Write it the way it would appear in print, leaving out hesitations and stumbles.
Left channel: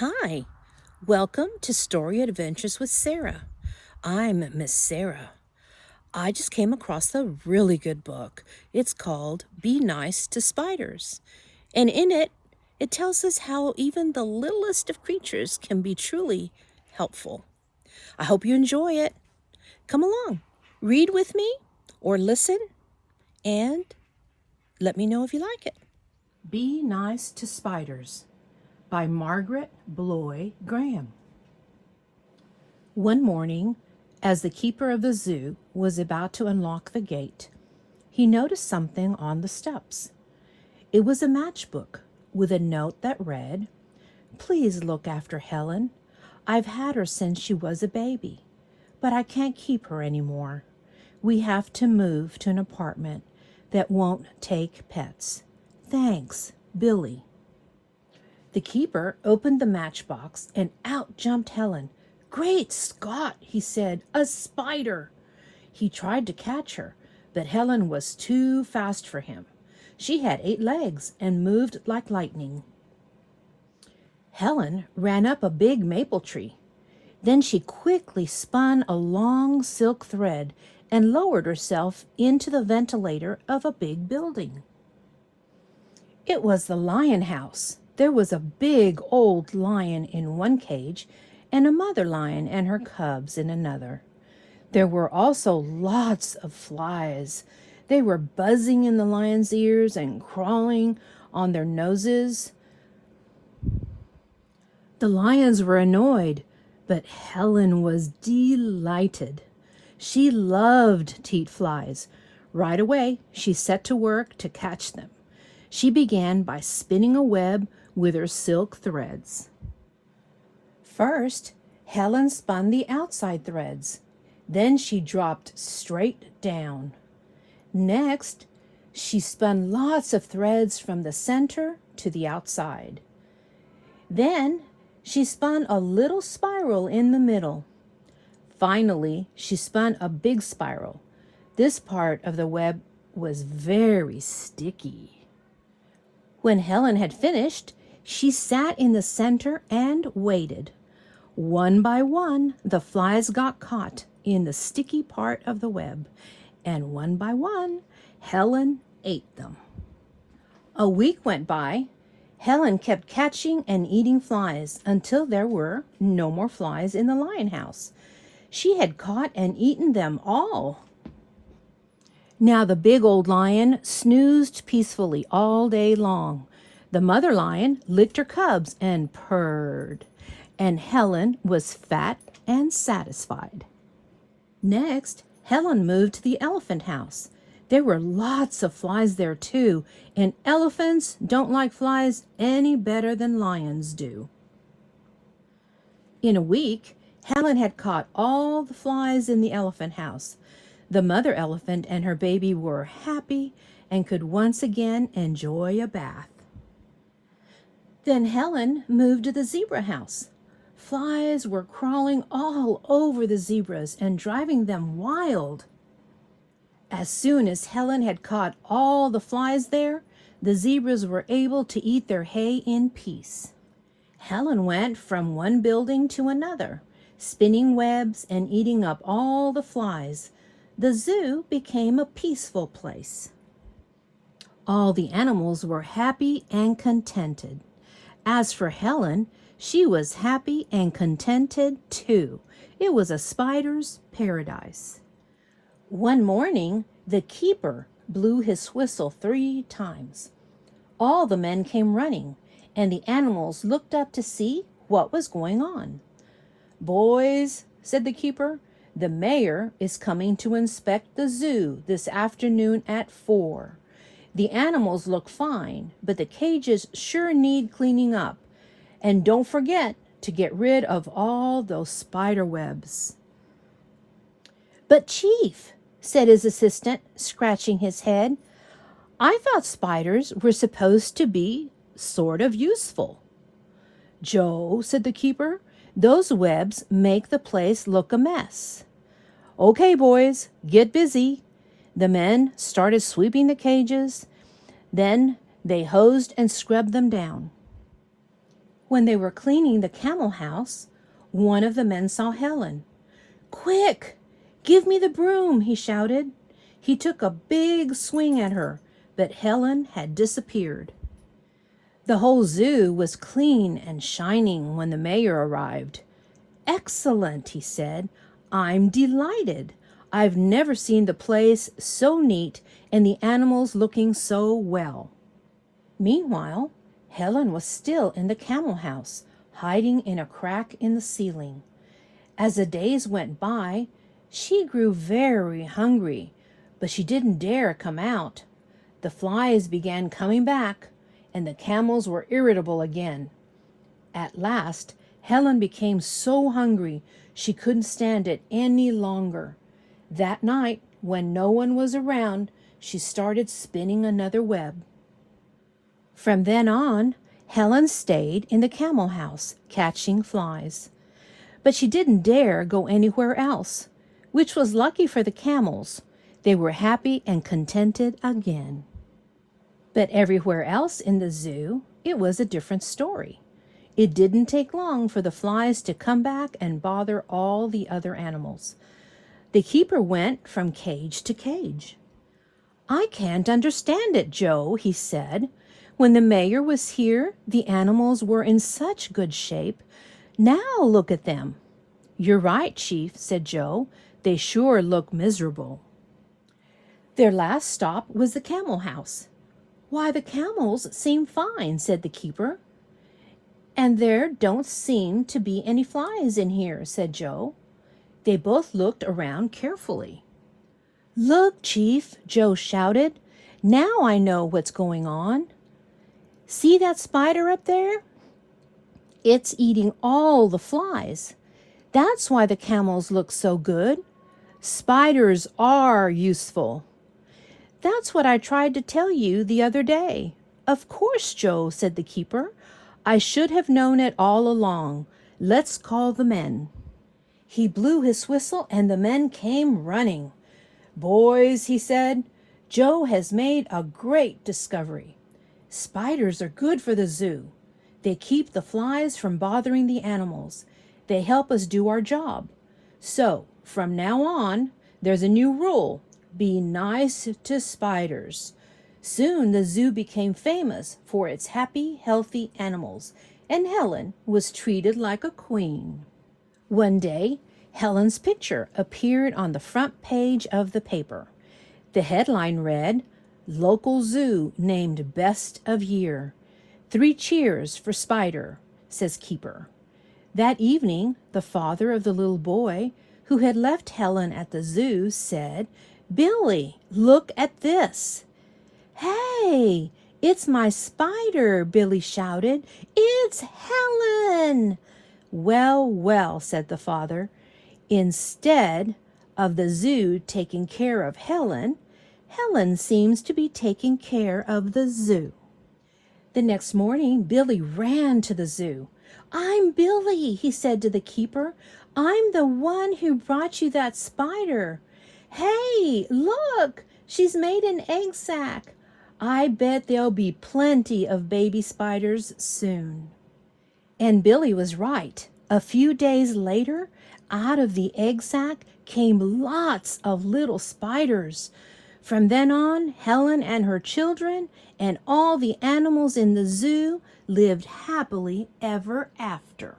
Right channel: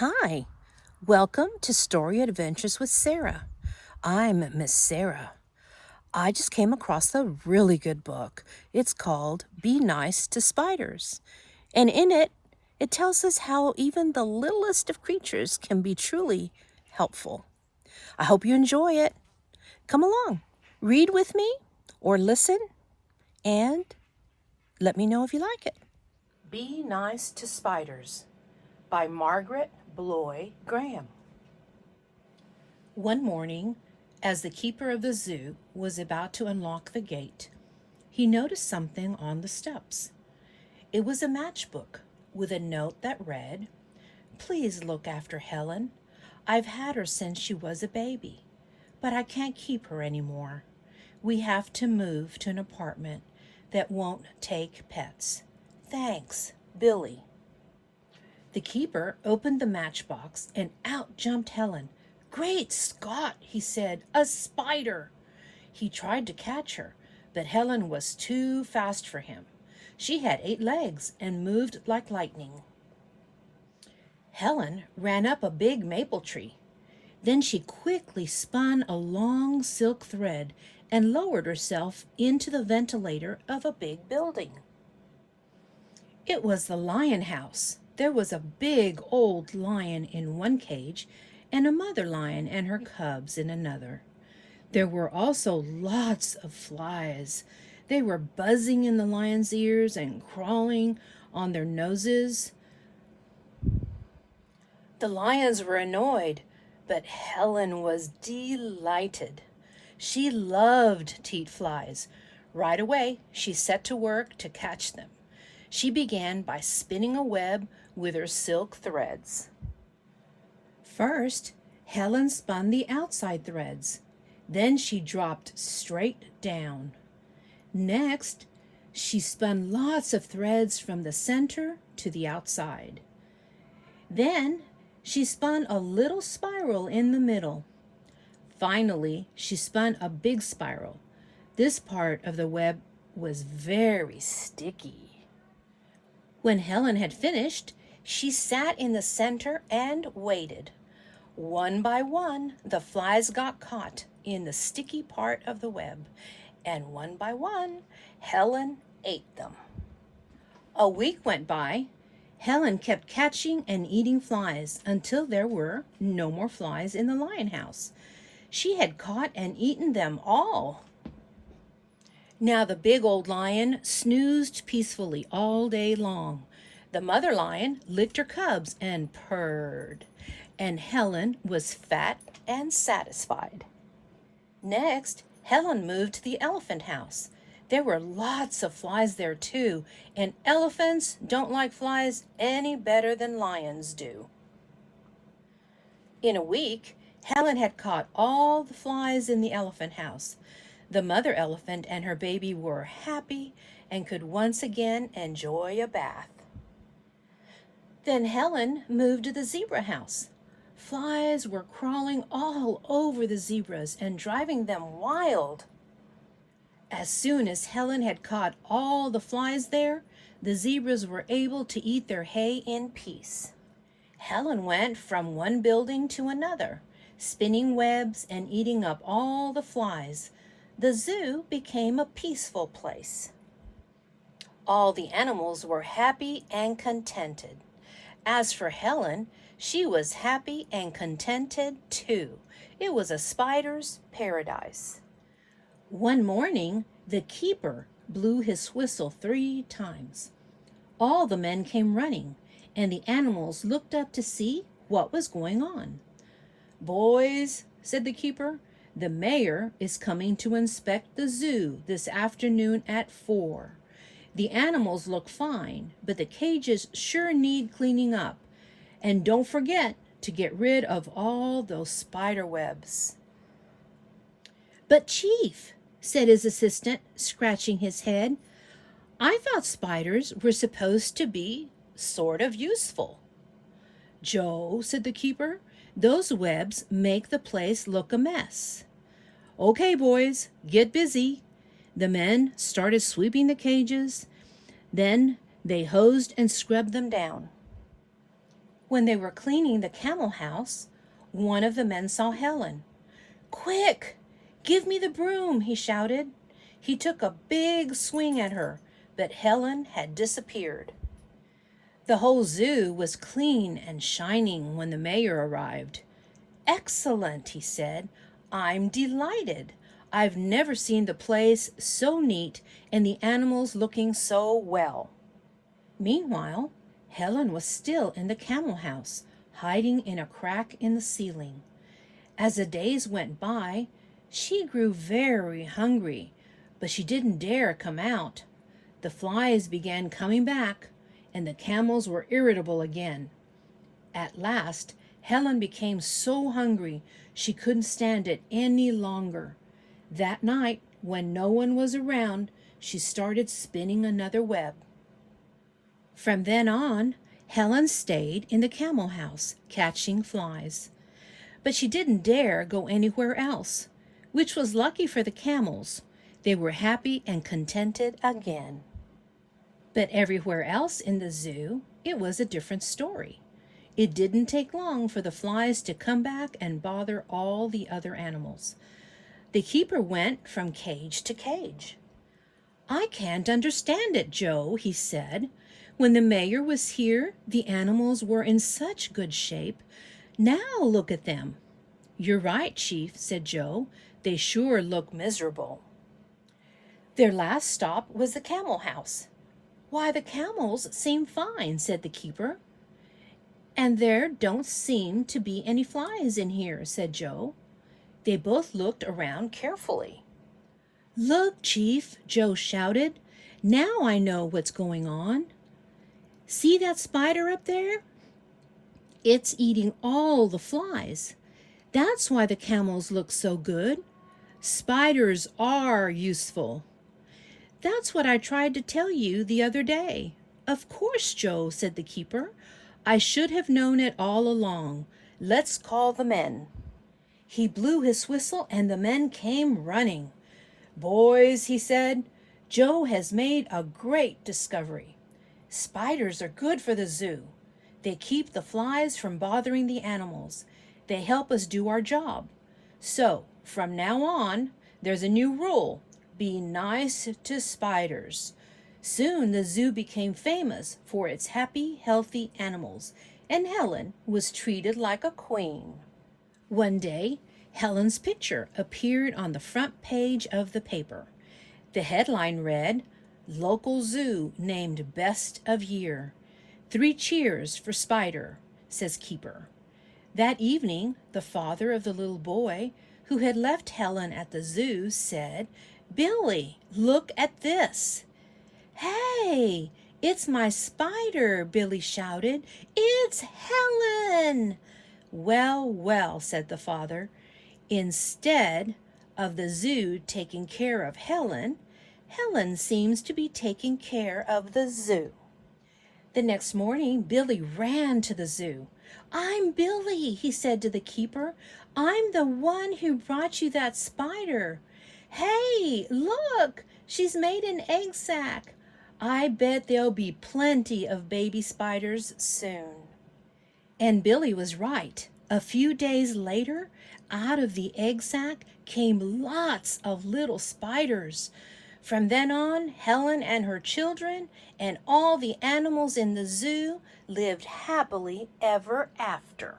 Hi, welcome to Story Adventures with Sarah. I'm Miss Sarah. I just came across a really good book. It's called Be Nice to Spiders. And in it, it tells us how even the littlest of creatures can be truly helpful. I hope you enjoy it. Come along, read with me or listen and let me know if you like it. Be Nice to Spiders by Margaret Bloy Graham. One morning, as the keeper of the zoo was about to unlock the gate, he noticed something on the steps. It was a matchbook with a note that read, "Please look after Helen. I've had her since she was a baby, but I can't keep her anymore. We have to move to an apartment that won't take pets. Thanks, Billy." The keeper opened the matchbox and out jumped Helen. "Great Scott," he said, "a spider!" He tried to catch her, but Helen was too fast for him. She had 8 legs and moved like lightning. Helen ran up a big maple tree. Then she quickly spun a long silk thread and lowered herself into the ventilator of a big building. It was the lion house. There was a big old lion in one cage and a mother lion and her cubs in another. There were also lots of flies. They were buzzing in the lion's ears and crawling on their noses. The lions were annoyed, but Helen was delighted. She loved to eat flies. Right away, she set to work to catch them. She began by spinning a web with her silk threads. First, Helen spun the outside threads. Then she dropped straight down. Next, she spun lots of threads from the center to the outside. Then, she spun a little spiral in the middle. Finally, she spun a big spiral. This part of the web was very sticky. When Helen had finished, she sat in the center and waited. One by one, the flies got caught in the sticky part of the web, and one by one, Helen ate them. A week went by. Helen kept catching and eating flies until there were no more flies in the lion house. She had caught and eaten them all. Now the big old lion snoozed peacefully all day long. The mother lion licked her cubs and purred, and Helen was fat and satisfied. Next, Helen moved to the elephant house. There were lots of flies there too, and elephants don't like flies any better than lions do. In a week, Helen had caught all the flies in the elephant house. The mother elephant and her baby were happy and could once again enjoy a bath. Then Helen moved to the zebra house. Flies were crawling all over the zebras and driving them wild. As soon as Helen had caught all the flies there, the zebras were able to eat their hay in peace. Helen went from one building to another, spinning webs and eating up all the flies. The zoo became a peaceful place. All the animals were happy and contented. As for Helen, she was happy and contented too. It was a spider's paradise. One morning, the keeper blew his whistle 3 times. All the men came running, and the animals looked up to see what was going on. "Boys," said the keeper, "the mayor is coming to inspect the zoo this afternoon at 4. The animals look fine, but the cages sure need cleaning up. And don't forget to get rid of all those spider webs." "But Chief," said his assistant, scratching his head, "I thought spiders were supposed to be sort of useful." "Joe," said the keeper, "those webs make the place look a mess." "Okay, boys, get busy." The men started sweeping the cages. Then they hosed and scrubbed them down. When they were cleaning the camel house, one of the men saw Helen. "Quick! Give me the broom!" he shouted. He took a big swing at her, but Helen had disappeared. The whole zoo was clean and shining when the mayor arrived. "Excellent," he said. "I'm delighted. I've never seen the place so neat and the animals looking so well." Meanwhile, Helen was still in the camel house, hiding in a crack in the ceiling. As the days went by, she grew very hungry, but she didn't dare come out. The flies began coming back, and the camels were irritable again. At last, Helen became so hungry she couldn't stand it any longer. That night, when no one was around, she started spinning another web. From then on, Helen stayed in the camel house, catching flies. But she didn't dare go anywhere else, which was lucky for the camels. They were happy and contented again. But everywhere else in the zoo, it was a different story. It didn't take long for the flies to come back and bother all the other animals. The keeper went from cage to cage. "I can't understand it, Joe," he said. "When the mayor was here, the animals were in such good shape. Now look at them." "You're right, Chief," said Joe. "They sure look miserable." Their last stop was the camel house. "Why, the camels seem fine," said the keeper. "And there don't seem to be any flies in here," said Joe. They both looked around carefully. "Look, Chief," Joe shouted. "Now I know what's going on. See that spider up there? It's eating all the flies. That's why the camels look so good. Spiders are useful." "That's what I tried to tell you the other day." "Of course, Joe," said the keeper. "I should have known it all along. Let's call the men." He blew his whistle and the men came running. "Boys," he said, "Joe has made a great discovery. Spiders are good for the zoo. They keep the flies from bothering the animals. They help us do our job. So, from now on, there's a new rule. Be nice to spiders." Soon the zoo became famous for its happy, healthy animals, and Helen was treated like a queen. One day, Helen's picture appeared on the front page of the paper. The headline read, "Local Zoo Named Best of Year. 3 cheers for Spider," says Keeper. That evening, the father of the little boy who had left Helen at the zoo said, "Billy, look at this." "Hey, it's my spider," Billy shouted. "It's Helen." "Well, well," said the father. "Instead of the zoo taking care of Helen, Helen seems to be taking care of the zoo." The next morning, Billy ran to the zoo. "I'm Billy," he said to the keeper. "I'm the one who brought you that spider. Hey, look, she's made an egg sac. I bet there'll be plenty of baby spiders soon." And Billy was right. A few days later, out of the egg sac came lots of little spiders. From then on, Helen and her children and all the animals in the zoo lived happily ever after.